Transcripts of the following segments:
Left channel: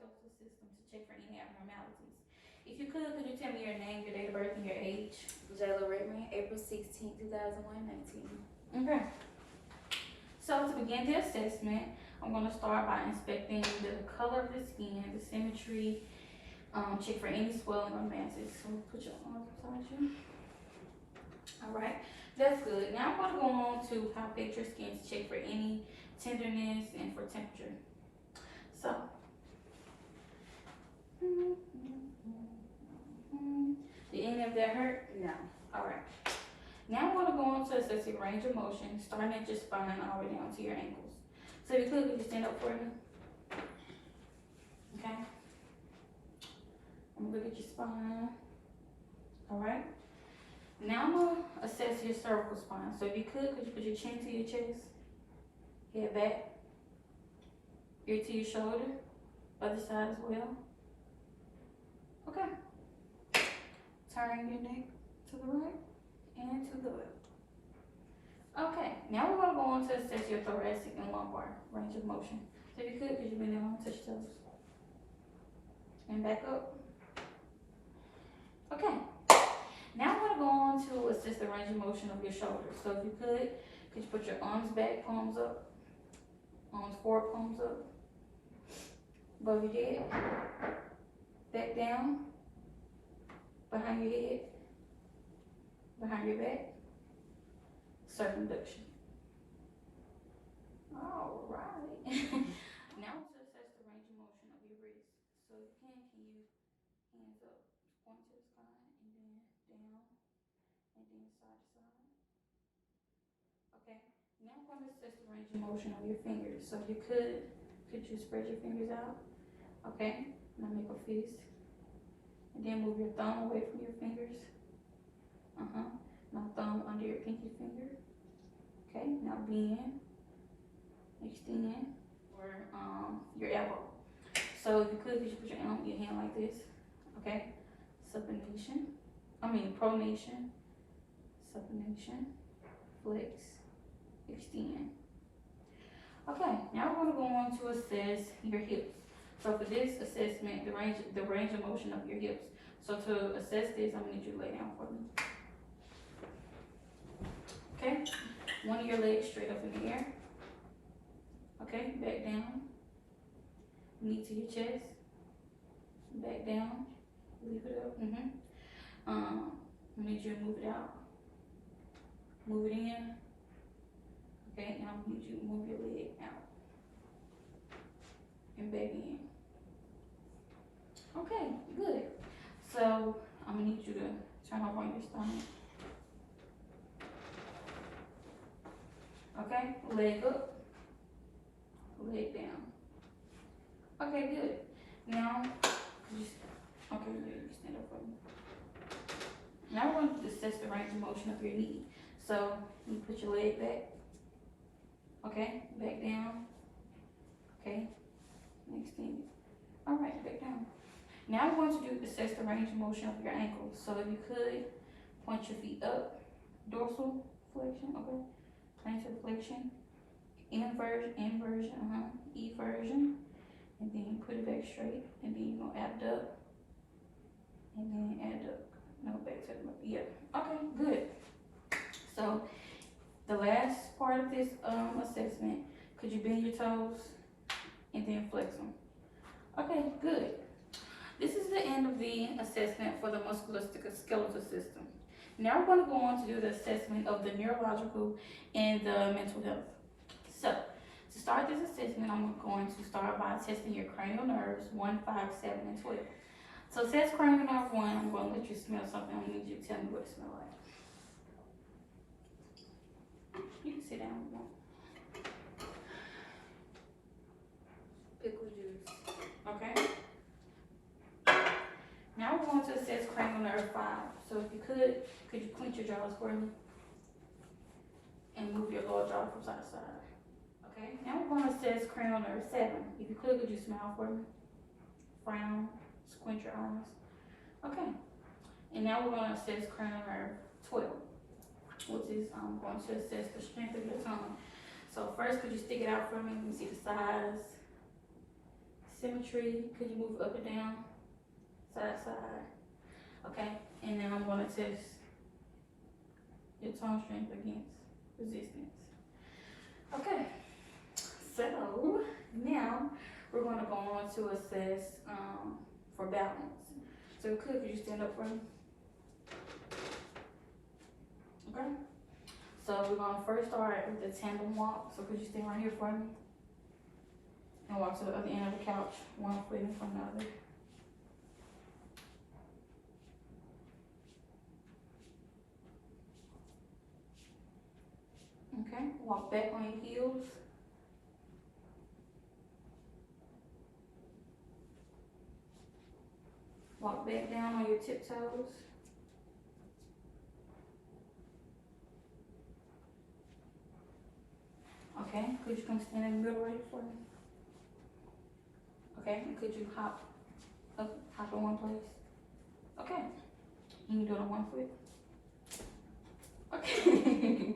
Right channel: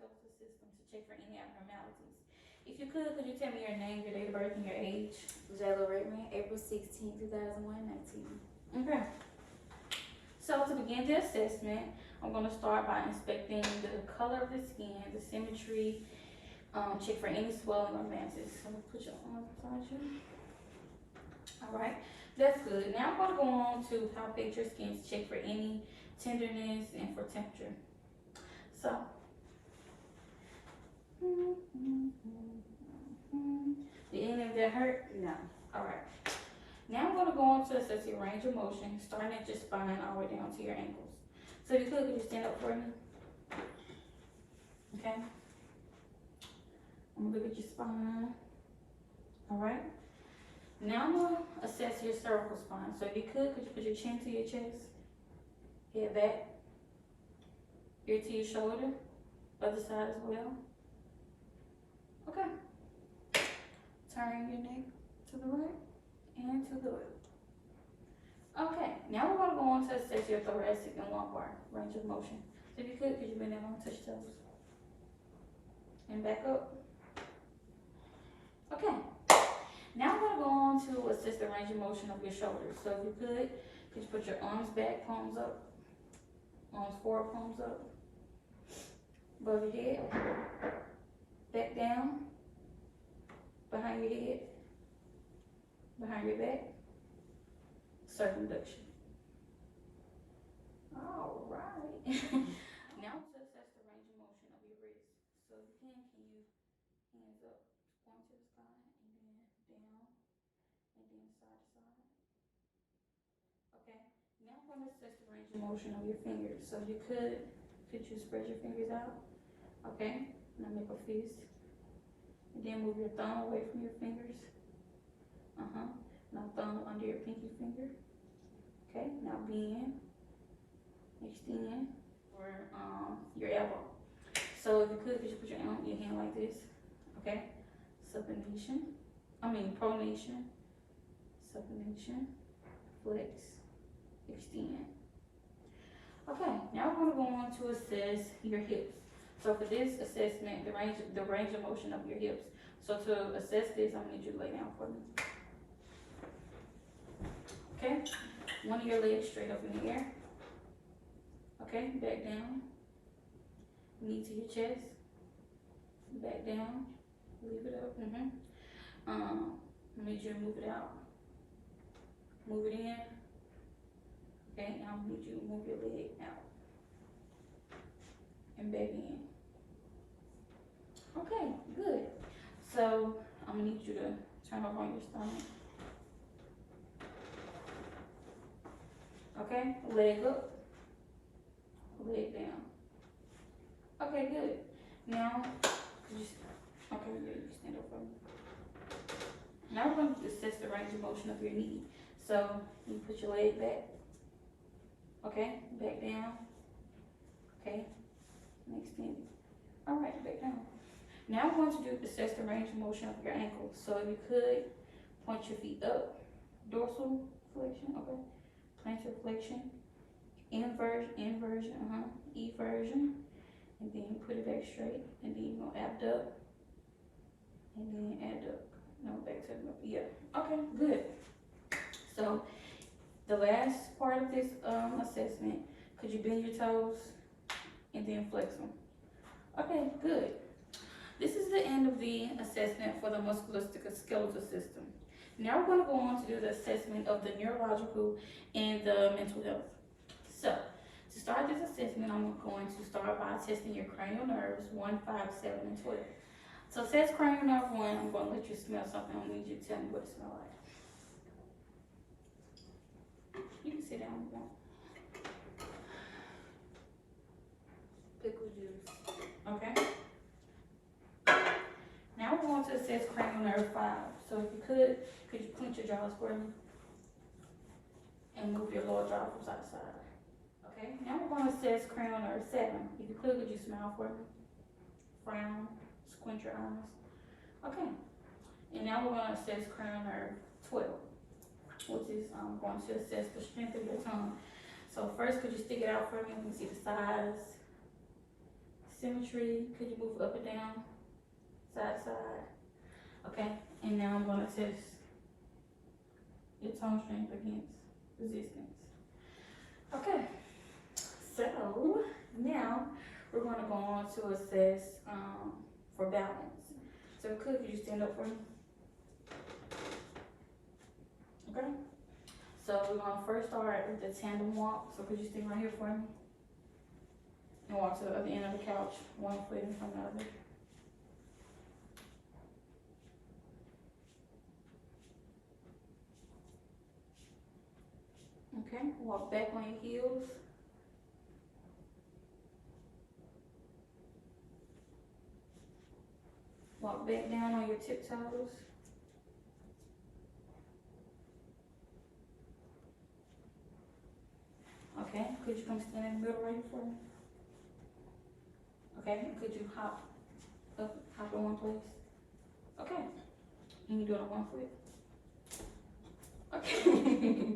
musculoskeletal system to check for any abnormalities. If you could you tell me your name, your date of birth, and your age? Jayla Redmond, April 16, 2001, 19. Okay. So to begin the assessment, I'm going to start by inspecting the color of the skin, the symmetry, check for any swelling or masses. So put your arms beside you. All right, that's good. Now I'm going to go on to palpate your skin to check for any tenderness and for temperature. So, did any of that hurt? No. All right. Now I'm going to go on to assess your range of motion, starting at your spine all the way down to your ankles. So if you could you stand up for me? Okay. I'm going to look at your spine. All right. Now I'm going to assess your cervical spine. So if you could you put your chin to your chest, head back, ear to your shoulder, other side as well. Okay. Turn your neck to the right and to the left. Okay, now we're going to go on to assess your thoracic and lumbar range of motion. So if you could you bend down, touch your toes, and back up. Okay, now we're going to go on to assess the range of motion of your shoulders. So if you could you put your arms back, palms up, arms forward, palms up, above your head, back down, behind your head, behind your back, circumduction. All right. Now to assess the range of motion of your wrist. So if you can you hands up, point to the sky, and then down, and then side to side. Okay. Now I'm going to assess the range of motion of your fingers. So if you could you spread your fingers out? Okay. Now make a fist. And then move your thumb away from your fingers. Now thumb under your pinky finger. Okay, now bend, extend, or your elbow. So if you could you put your hand like this. Okay, pronation, supination, flex, extend. Okay, now we're going to go on to assess your hips. So for this assessment, the range of motion of your hips. So to assess this, I'm going to need you to lay down for me. Okay, one of your legs straight up in the air. Okay, back down. Knee to your chest. Back down. Leave it up. I need you to move it out. Move it in. Okay, now I need you to move your leg out and back in. Okay, good. So I'm gonna need you to turn over on your stomach. Okay, leg up, leg down. Okay, good. Now, you stand up for me. Now we're going to assess the range of motion of your knee. So you put your leg back. Okay, back down. Okay, and extend it. All right, back down. Now we're going to assess the range of motion of your ankles. So if you could, point your feet up, dorsal flexion, okay, plantar flexion, inversion, eversion, and then you put it back straight, and then you're gonna abduct, and then adduct. No, back to the, yeah, okay, good. So the last part of this assessment, could you bend your toes and then flex them? Okay, good. This is the end of the assessment for the musculoskeletal system. Now we're going to go on to do the assessment of the neurological and the mental health. So to start this assessment, I'm going to start by testing your cranial nerves 1, 5, 7, and 12. So it says cranial nerve 1, I'm going to let you smell something. I need you to tell me what it smells like. You can sit down if you want. Pickle juice. Okay. Now we're going to assess cranial nerve 5. So if you could you clench your jaws for me? And move your lower jaw from side to side. Okay. Now we're going to assess cranial nerve 7. If you could you smile for me? Frown, squint your eyes. Okay. And now we're going to assess cranial nerve 12, which is going to assess the strength of your tongue. So first, could you stick it out for me? Let me see the size, symmetry. Could you move up and down, side to side? Okay, and now I'm gonna test your tone strength against resistance. Okay, so now we're gonna go on to assess for balance. So could you stand up for me? Okay. So we're gonna first start with the tandem walk. So could you stand right here for me? And walk to the other end of the couch, one foot in front of the other. Okay, walk back on your heels. Walk back down on your tiptoes. Okay, could you come stand in the middle right for me? Okay, and could you hop up, hop in one place? Okay, and you do it on one foot? Okay.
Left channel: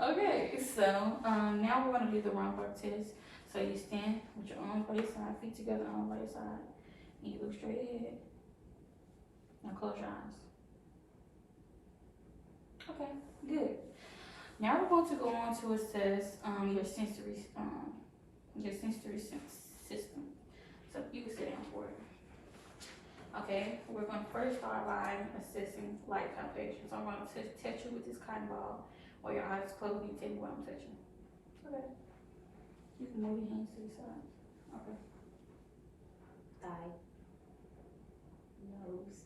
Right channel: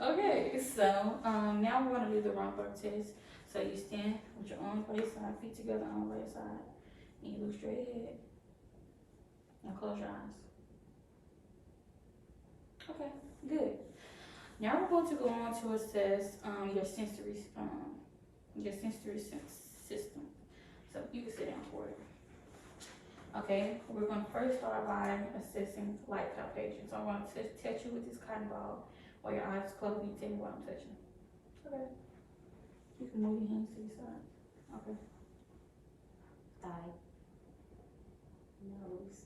Okay, so now we're gonna do the round bar test. So you stand with your arms by your side, feet together, arms by your side, and you look straight ahead. Now close your eyes. Okay, good. Now we're going to go on to assess your sensory system. So you can sit down for it. Okay, we're going to first start by assessing light palpation. So I'm going to touch you with this cotton ball while your eyes are closed and you tell me what I'm touching. Okay. You can move your hands to your side. Okay. Thigh. Nose.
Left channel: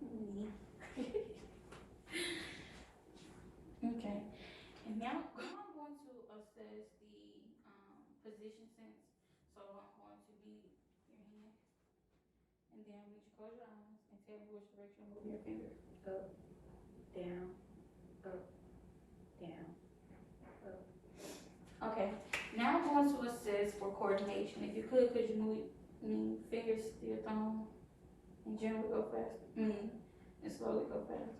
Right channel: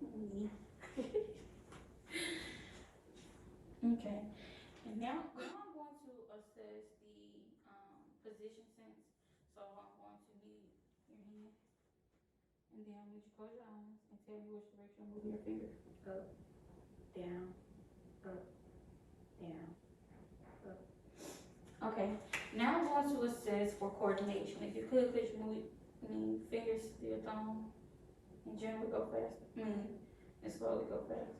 Knee. Okay. And now I'm going to assess the position sense. So I'm going to need your hand. And then I need you to close your eyes and tell me which direction I'm moving your finger. Up, down, up, down, up. Okay, now I'm going to assess for coordination. If you could you move fingers to your thumb and generally go fast? And slowly go fast.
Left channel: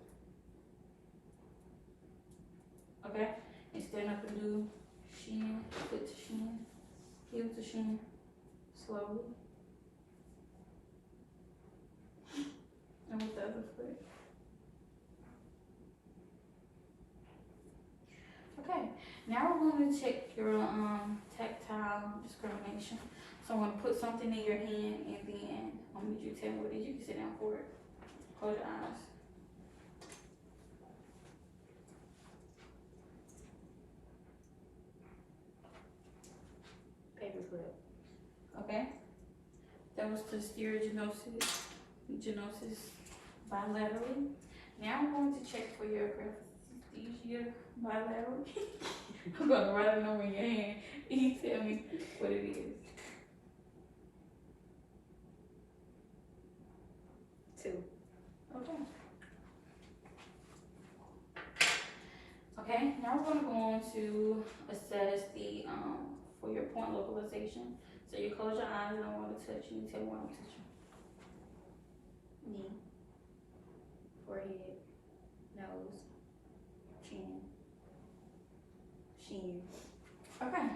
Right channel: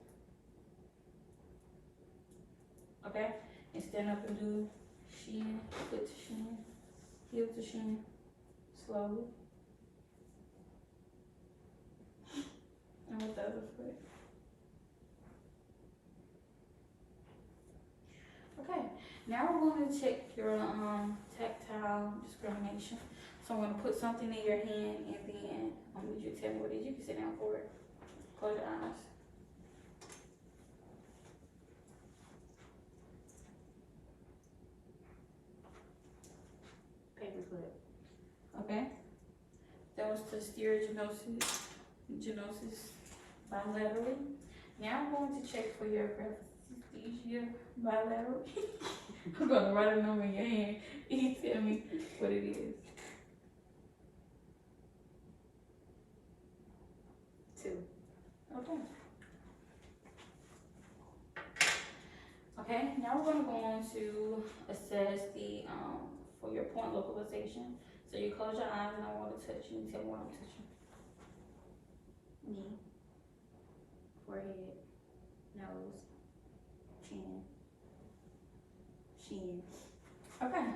Okay, and stand up and do shin, foot to shin, heel to shin, slowly. And with the other foot. Okay, now we're going to check your tactile discrimination. So I'm going to put something in your hand and then I'm going to need you to tell me what it is. You can sit down for it. Close your eyes. Paperclip. Okay, that was to steer genosis bilaterally. Now I'm going to check for your graphesthesia bilateral. I'm going to write a number in your hand. You tell me what it is. 2. Okay. Okay, now we're going to go on to assess the for your point localization. So you close your eyes and I want to touch you and tell me what I'm touching. Knee. Forehead. Nose. Chin. Shin. Okay.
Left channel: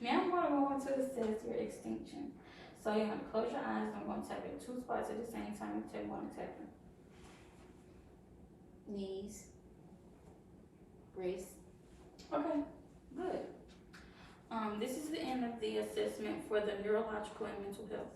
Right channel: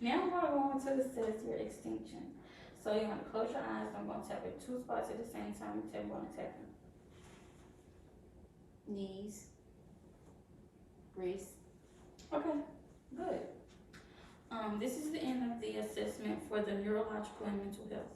Now I'm going to go on to assess your extinction. So you're going to close your eyes and I'm going to tap in 2 spots at the same time and tell me what I'm tapping. Knees. Wrist. Okay, good. This is the end of the assessment for the neurological and mental health.